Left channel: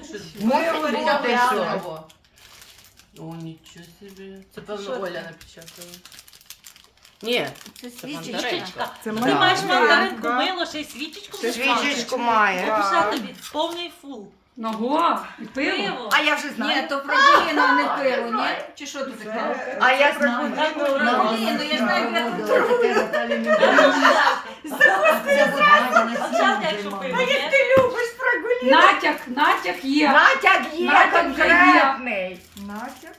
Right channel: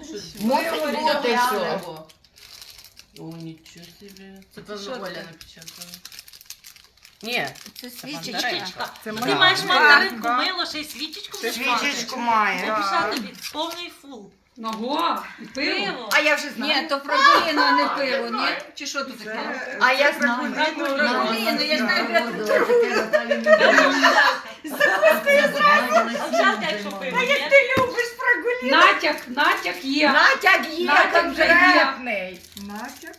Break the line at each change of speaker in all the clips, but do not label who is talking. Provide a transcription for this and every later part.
Мусить бути щось.
О, нічого собі. Це певно Оля напечатала. Ні,
Це
свічечка.
Ти
маєш мандаринку, мило, ще й свічечку будеш мати.
Свічечку має.
Пиша тобі повний фул.
Ого, пиво.
Пиво.
А я вже знаю. Ні, то фрагуліно, а не пиво, ні? Чи що тут таке?
А я знаю.
Фрагуліно, я знаю, як
Овчарка, якщо пиво, ні?
Натяк є.
Натяк є
Натяк
конкретний.
Натяк.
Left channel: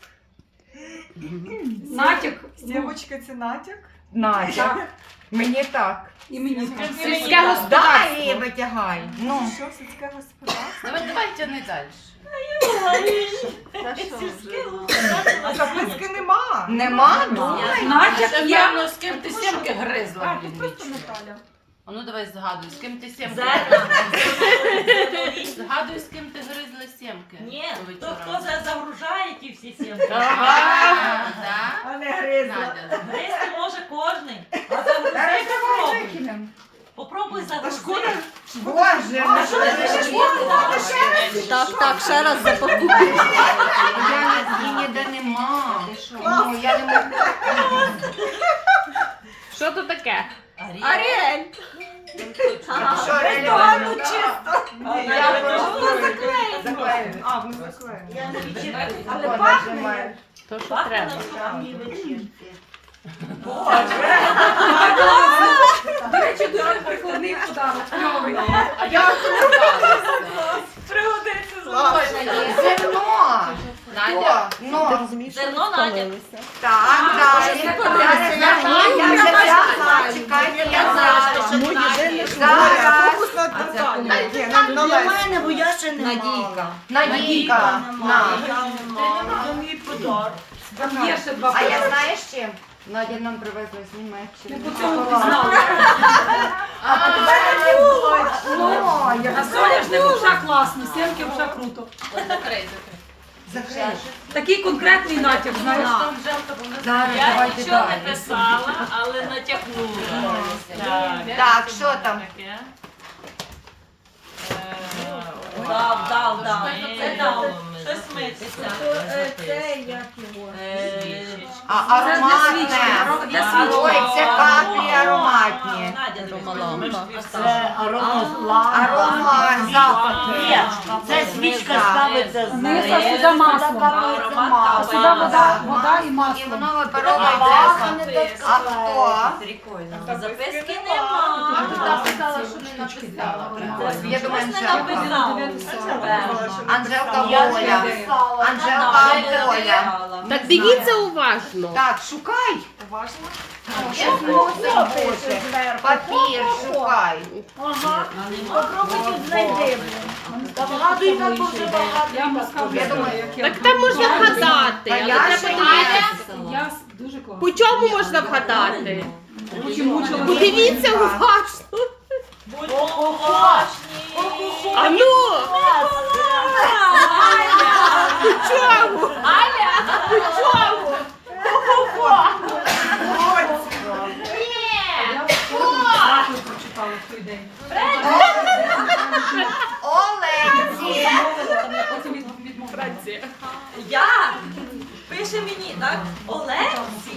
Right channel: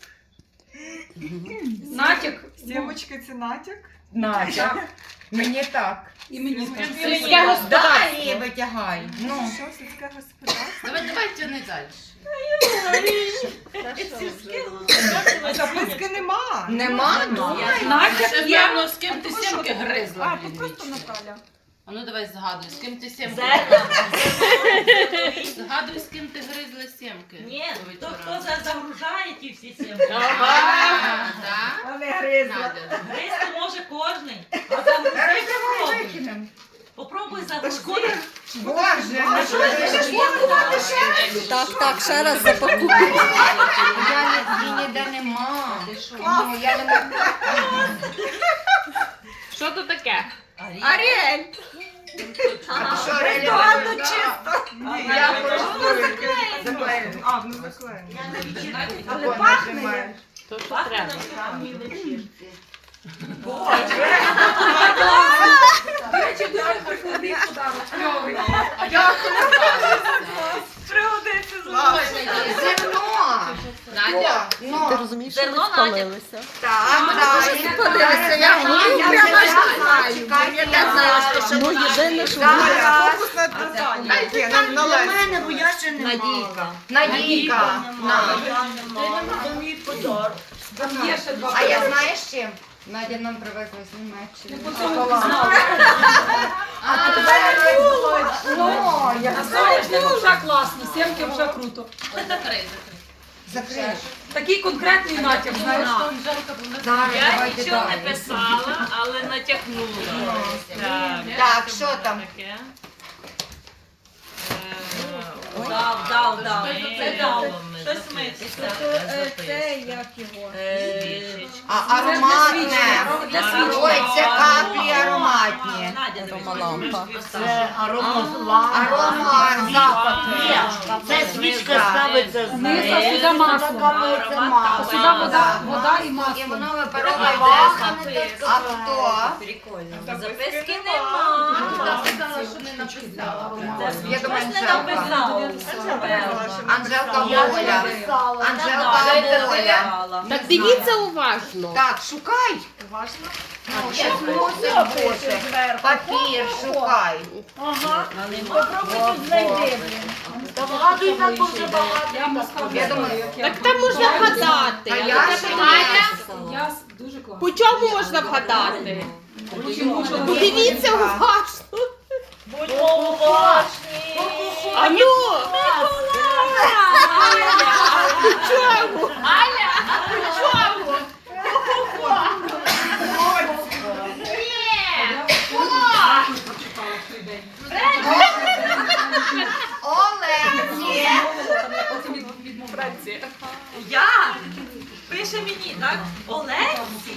Сімочки це натяк?
Натяк. Мені так.
І мені
Дай її витягай. Ну.
Що, сільське господарство?
Давай тяни далі.
А записки нема.
Нема? Думай.
Натяк є.
Певно, з ким ти сімки гризла,
А,
блін,
тут просто
вічно.
Наталя.
А ну давай згадуй, з ким ти сімки
Зерна.
гризла. Згадуй, з ким ти гризла сімки.
Ні,
по
хто
вечорам.
загружає ті всі сімки.
Ага, так?
А не гризла.
Надя.
Гризти може кожний. А загрузити попробуй.
Викинемо.
Попробуй
Та
загрузити.
шкода.
Боже,
А, що ти ще
Так, ще раз запакуй.
її ніде нема. Ну, я не можу.
Що то таке?
Аріель.
Що, реально чисто? Я просто заклею.
А, воно заклеєно.
Але пахне.
То що
Пахне
треба?
на справжній вечір.
До речі, дуже прикладний подарок. Кльовий.
Пригодиться
Зерно.
Надя.
Ну,
Зерно Надя.
так, далі. Далі зерно. Я вже взяла. Чекайте, я взяла.
Ну, єдине, що
Зараз.
Фокус на Наталі. Ні, на Лесі.
бо я ще не
Надійка.
Надійка. На.
Є ще два
А я
пива.
знаєш чим? Надя нам привезла з Німеччини. А тебе не було. Ну, я
А соняшник вже класно, сімки вже круто.
Закрий.
закрию.
Такий конкретний натяк, знаєш.
Зараз
Я
давайте
нічого не
далі.
писала, але натякнула. Так.
Так, що там?
Таке. Дав. Це дав. Щось митися.
А ароматне. Ой, це каплі ароматні.
Ромалампа.
Аромат, запахи.
Це свічка ставиться з
Вниз, а сюди масло. А сюди вода і
І
масло.
воно випаровується. А хто?
Записки нема.
Я думаю,
Хтось не
Анжелка.
написав.
Анжелка Воля. Анжелка Воля.
Так дивіться уважно.
Так, шукай. Ну, щось мусить бути. Папір шукай.
Попробуйте знайти. Багато і так дуже багато.
Я думаю,
Так там можна вгадати,
А
але
я
треба
ще
подивитися.
Я дуже класно.
По чому можна вгадати?
Мучила.
Подивіться уважно. А ну! По чому? По чому?
Прочитала в той день.
Оленці.
Потім відмовляю.
Я? Пише мені, так? Олексій.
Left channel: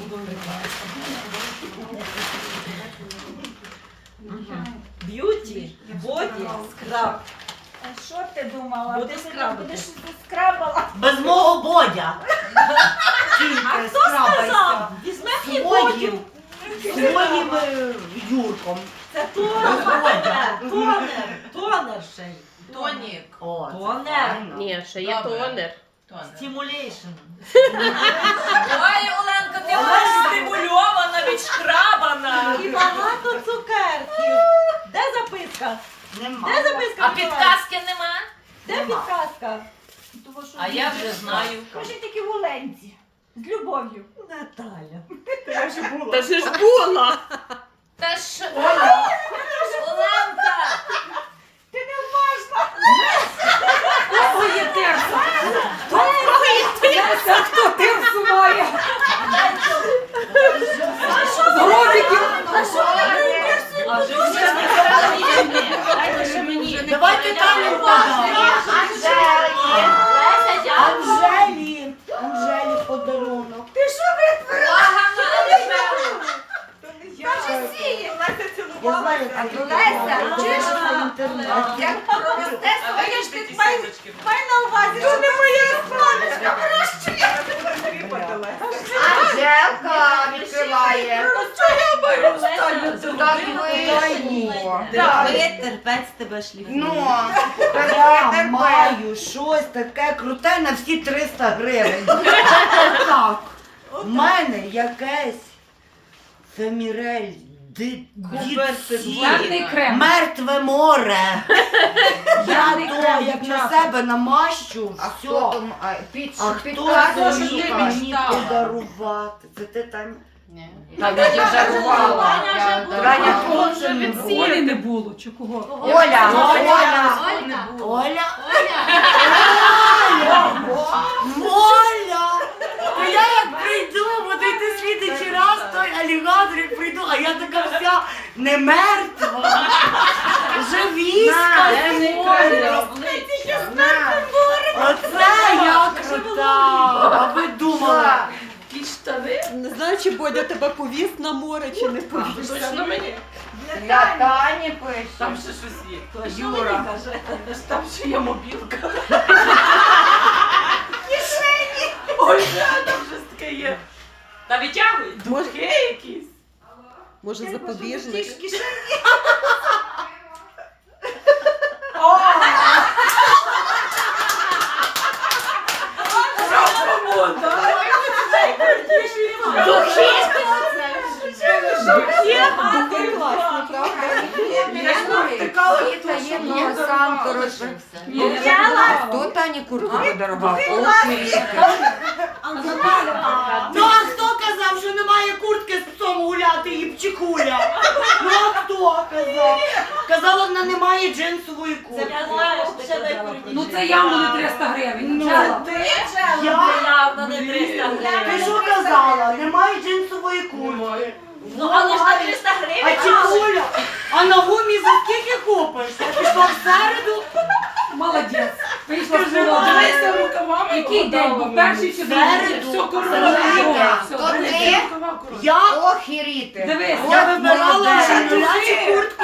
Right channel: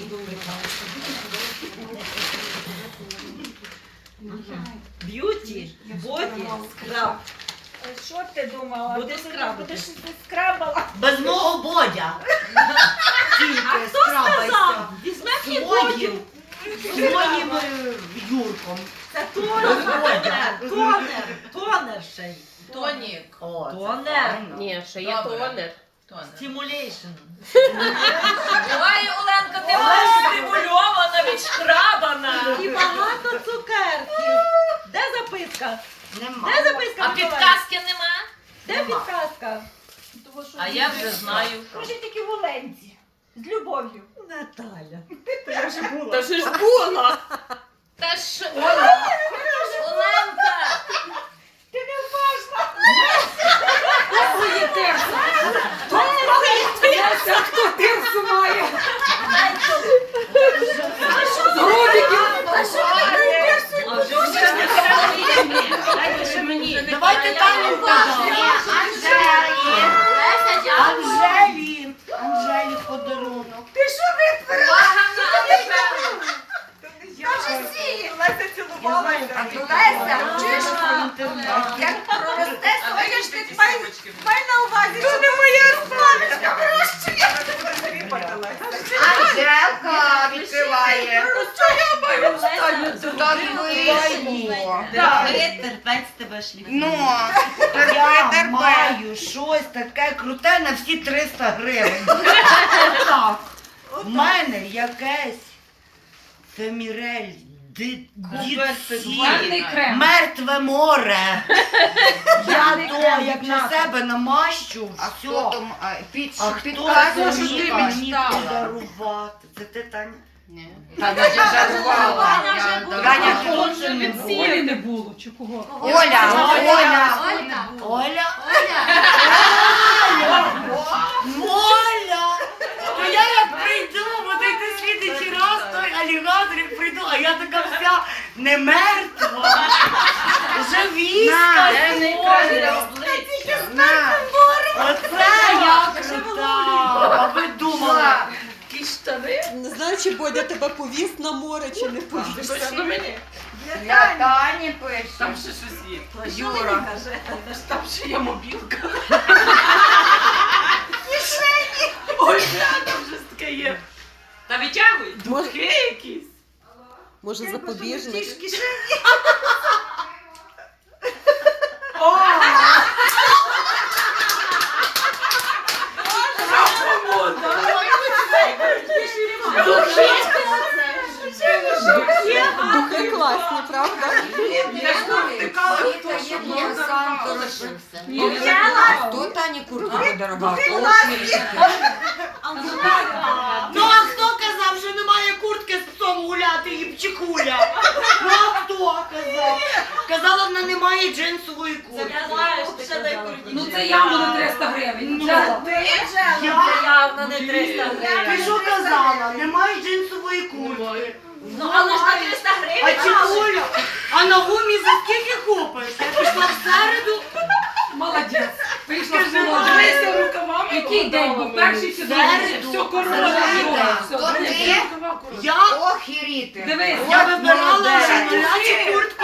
Б'юті, боді, скраб.
Що ти думала?
Буду
Ти
скрабати.
будеш скрабала? Без мого бодя.
А хто сказав? Візьме мені боді.
Своїм Юрком.
Це тонер. Тонер ще й.
Тонік.
О,
Тонер.
Ні, ще є
Добре.
тонер.
Стимулейшн. Ой, Оленка, ти була стимульована, відшкрабана. І багато цукерків. Де записка? Де записка?
А підказки нема?
Де підказка?
А я вже знаю.
Кажи тільки в Оленці. З любов'ю.
Наталя.
Та ж була.
Та ж Оленка!
Ти не уважна.
Кого є терса? Кого є терса? Хто терсу має? З гробиків.
Давайте там
Анжелки. Леся, чуєш? Як проросте своє ж ти май на увазі, що не моє сонечко вирощує. Анжелка відкриває. Так вийшло.
Терпець тебе шліфує.
Ну,
Я маю щось таке круте на всі 300 гривень. Так. В мене якесь Фемірель,
Гарний крем.
мертве море. Я
Гарний
то,
крем,
як на
дівчата.
себе намащу,
а
все.
хто там
А хто
підказує,
це
що ти
мені
мечтала?
подарувати? Це ти, Таня?
Таня вже жарувала. Таня точно не було.
Олі не було, чи кого?
Оля, Оля.
Оля? Оля! То я як прийду, буду йти слідчий раз, той алігатор, як прийду, а я така вся не мертва, живіська з моря. Оце я крута! А ви думали?
Не знаю, чи Бодя тебе повіз на море, чи не повіз.
Точно мені?
Для Тані пише.
Там ще щось є. Юра. Там ще є мобілка. Ой, там щось таке є. Та витягуй. Духи якісь.
Може, запобіжник. Духи класні, правда?
Віта є круасан, коротше. Хто Тані куртку подарував? Ох,
Ну а хто казав, що немає куртки з псом гуляти і пчихуля? Ну а хто казав? Казала, вона не має джинсової куртки.
Ну це явно не 300 гривень.
Ну,
Взяла.
я?
Явно не 300
Ти
гривень.
що казала? Немає джинсової куртки.
Ну, але ж на 300
А
гривень.
чіпуля? А на гумі за скільки купиш? Я пішла в середу.
Молодець. Вийшла з молодець.
рукавами.
Який день був? Перший чи другий?
Середу.
Все, корона.
То ти
Я
охіріти.
Дивись,
Я вибирала жіночу куртку.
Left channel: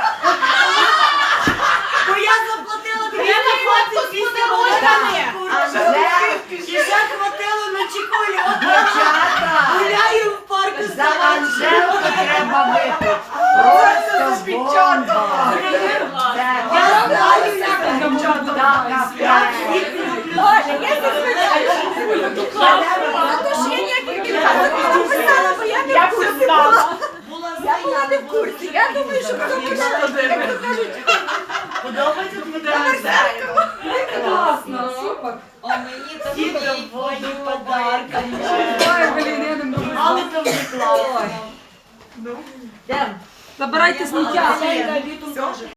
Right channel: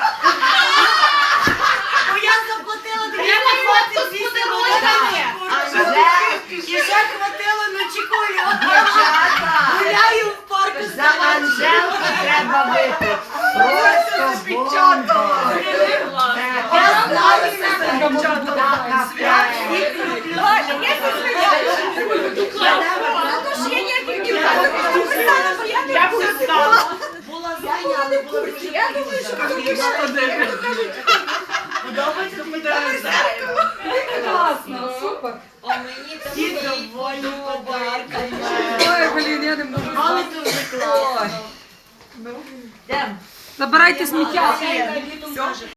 То я заплатила 228 гривень. І ще хватило на чекулю.
Дівчата,
Гуляю в парку з
за Анжелку треба випити. Просто бомба.
Я знаю,
Така п'ять.
я писала. Була знайома, не курці.
Я думаю, що
Подобається тобі
класно, супер.
Всі доводні подарки.
Ой, блін, я не можу.
Але це вже класно.
Забирайте сміття.